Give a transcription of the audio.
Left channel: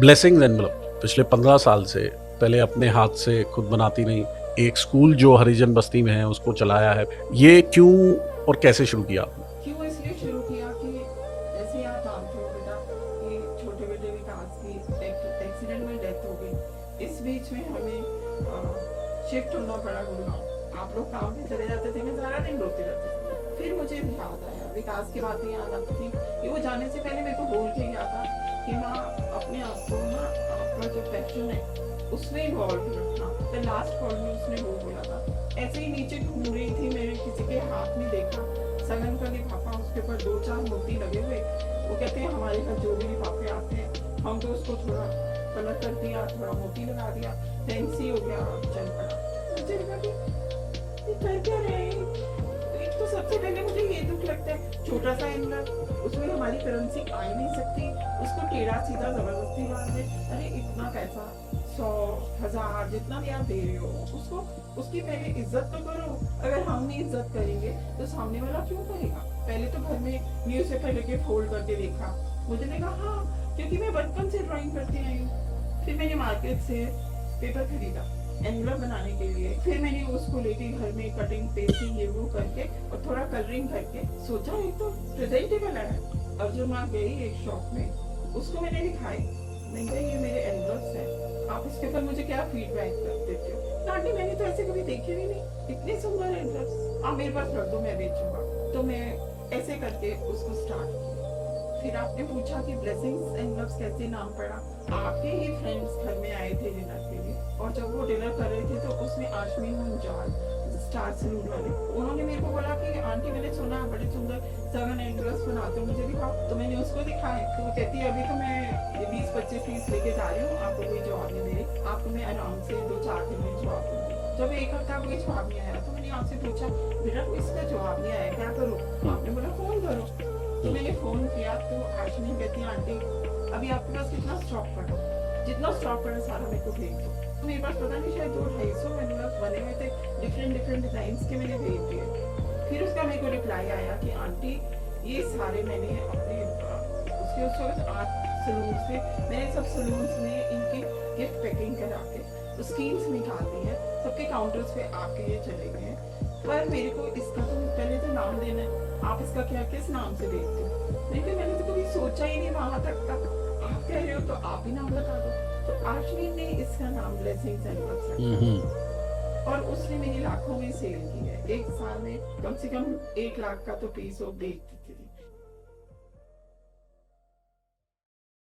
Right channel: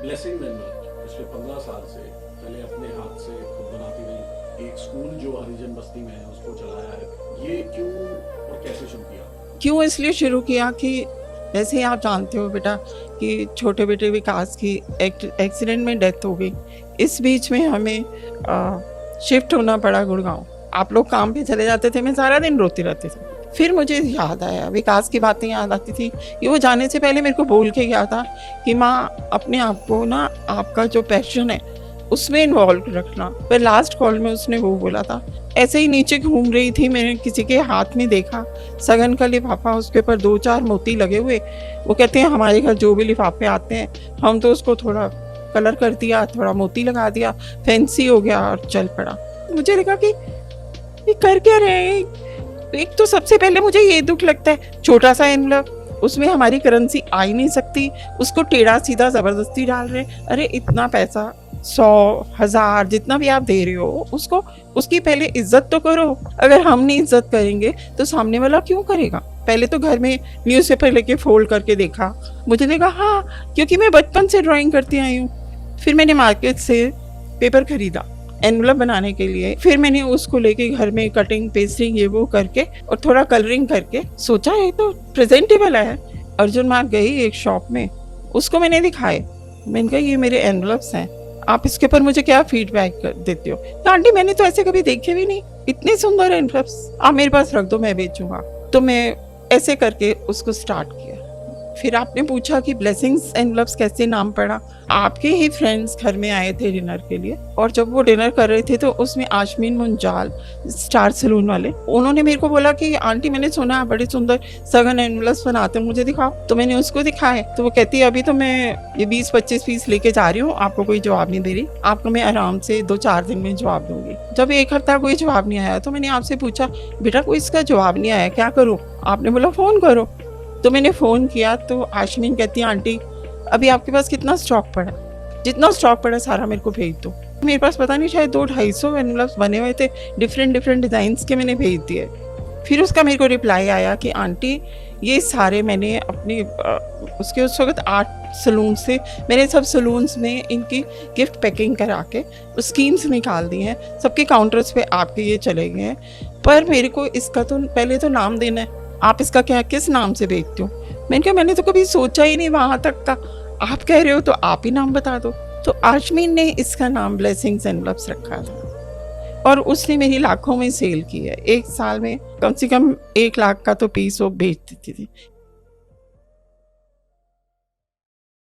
Blessings envelope पिछले 15 साल से पहले अपने हाथ से खुद बनाती नहीं, एक स्कूल जो हरिजन बस्ती में है उसको चलाया है। ये क्यों और कैसे शुरू किया? क्यों इसलिए शुरू किया कि जैसे ही आप जानते हो बेटा कि छोटे बेटे विकास की एक्सीडेंट में डेथ हो गई। इस बीच में हमें शिफ्ट होना पड़ा गुड़गांव। आप लोग काम पे चले जाते थे, मैं सारा दिन रोती रहती थी। फिर मुझे याद आया, विकास की बातें याद आती थी कि वो जाने से पहले मेरे को बोल के गया था कि माँ अपने आप को ना आपका जो पैशन है उसमें इन्वॉल्व रखना। पर लास्ट कॉल में उसने वो बोला था। ऐसे ही नीचे घूम रही थी, मैंने किसी के हाथ में देखा सगन का लिफाफा, उसके ऊपर 2-4 मोती लगे हुए। वो कहते हैं हमारे घर जो भी लिफाफे आते हैं हम तो उसको थोड़ा कलर कर दिया, थोड़ा मोती लगा दिया, फैंसी हो गया और चल पड़ा। मुझे लगा कि ये कर क्या रहे हैं। एक तो सबसे पहले मुझे ये दुख लगता है, छोटा सा एनवलप, उसमें हमारी करेंसी आ ही नहीं सकती, उसको टेढ़ा सीधा जबरदस्ती डाल रहे। अरे इतना पैसा 100,000 जितना भी आप दे रहे हो उसको, उसकी पहले इज्जत तो करो। अगर हम नहीं इज्जत करेंगे तो सामने वाला क्यों करेगा। पहले तो घर में न्यूज़पेपर लेके फोल्ड करके देखा, मुझे लगा हाँ, क्योंकि मैं बचपन से ड्राइंग करती आई हूँ। फिर मैंने मार्केट से पेपर खरीदा एनवलप बनाने के लिए। फिर मैंने उसको लेके घर में कटिंग पेस्टिंग ये वो करके और थोड़ा कलरिंग करके सोचा ये तो प्रेजेंटेबल है। अर्जुन मार्ग गई एक शॉप में, उसको मैंने दिखाए, मैंने कहा ये मेरे एनवलप्स हैं, आप इसके ऊपर मुझे क्या फीडबैक कर देते हो। तो आंटी मैंने तो ऐसे कभी देखे भी नहीं, इतने सुंदर एनवलप्स, आप मेरे पास रख दो मैं बेचूंगा। तो मैं ऐसे करके उसको स्टार्ट किया। फिर आपने पूछा कि ब्लेसिंग्स एनवलप्स कैसे नाम पड़ा। आपके ही फ्रेंड्स घर में आए थे डिनर के लिए, और जब वो डिनर कर रहे थे तो उसमें आशमीन मुंजाल, स्टार सैलून वाले, उन्होंने मेरे को बोला कि आंटी मैंने सुना है बड़े सुंदर सगन एनवलप्स बनाते हैं, मुझे दिखाओ। तो मैंने उसको दिखाए तो वो कहती है अभी तो मैं ये 20-25 पीस लेके जा रही हूँ, आपको कोई जवाब नहीं दे रही, आपको मैं आराम से 2-4 दिन में जवाब दूंगी। जब 1 हफ्ता कोई जवाब नहीं आया तो मैंने आपसे पूछा बेटा कोई इसका जवाब नहीं आया क्या करूँ। आपने बोला फ़ोन करो। तो मैंने फ़ोन किया तो आशमीन कहती है आंटी अभी आपके पास कितना स्टॉक पड़ा है, जितना स्टॉक पड़ा है सारा मेरे को भेज दो। मेरे पास पता नहीं शायद 200-250 एनवलप्स बने हुए थे डिफरेंट डिज़ाइंस के, मैंने भेज दिए। फिर उसका मेरे को रिप्लाई आया कि आंटी ये सारे मैंने अपने उसके उस वक्त 8 सलून से, मैंने सब सलून्स में इनकी गिफ्ट पैकिंग करा के स्कीम्स निकाल दी हैं, सबके काउंटर्स पे आपके ये चले गए हैं, पर मेरे को इसका तो पहले तो नाम देना है, आप इसका क्या किस नाम से बेचते हो। मैंने कहा मैंने तो कभी सोचा ही नहीं वहाँ तक का, आप कह रहे हो तो आप ही नाम बता दो। तो आशमीन ने इसका नाम ब्लेसिंग्स एनवलप्स रखा था और उसने मेरी लाखों में सेल की है। 1 साल में कम से कम 1 लाख का तो पीस वो बेच देती थी।